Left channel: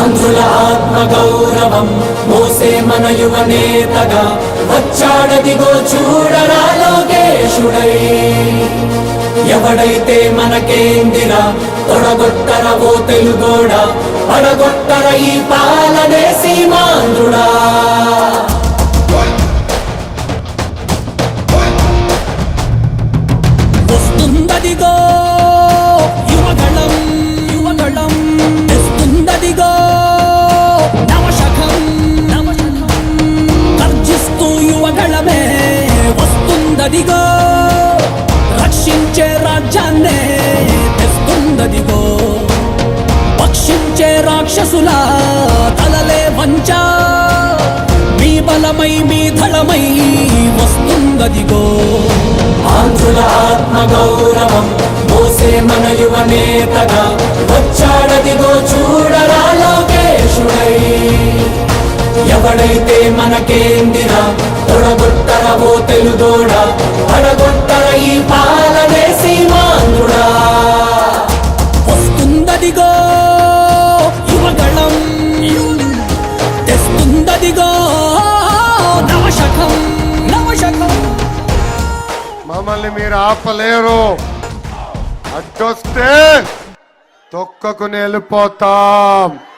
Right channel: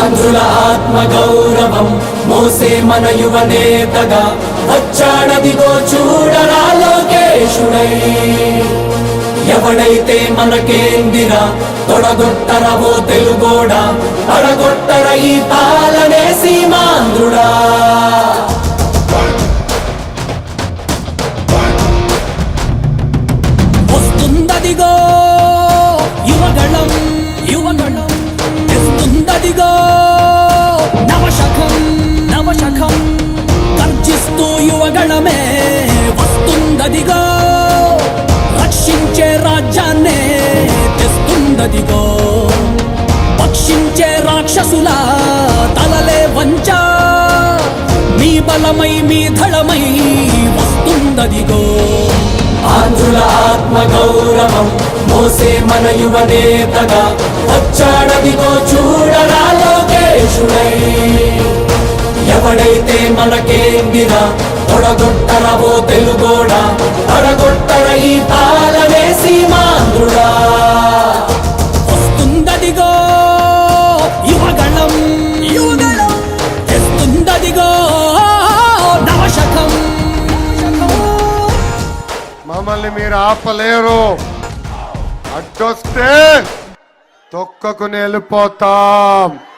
ఆంధ్రుల ఆత్మ గౌరవం. మోసే మన యువ నేతగా వచ్చాడదిగో చూడరా లోకేశుడై. ఎవడైతే మనకేందిరా తొడగొట్టరవో ఓ తెలుగోడా పడగొట్టర ఈ పాలనే సీమ రక్షించే రాజ్యాన్నే తెస్తుందదిగో. పక్షించే రాక్షసుల తలలే వంచ. మీ బలమై మీ ధళమై వస్తుందదిగో. ఆంధ్రుల ఆత్మ గౌరవం మోసే మన యువ నేతగా వచ్చాడదిగో చూడరా లోకేశుడై. ఎవడైతే మనకేందిరా తొడగొట్టరవో తెలుగోడా పడగొట్టర మమ్మల్ని మీరు ఆపలేరు. అడ్డొస్తే తొక్కకుని వెళ్ళిపోతాం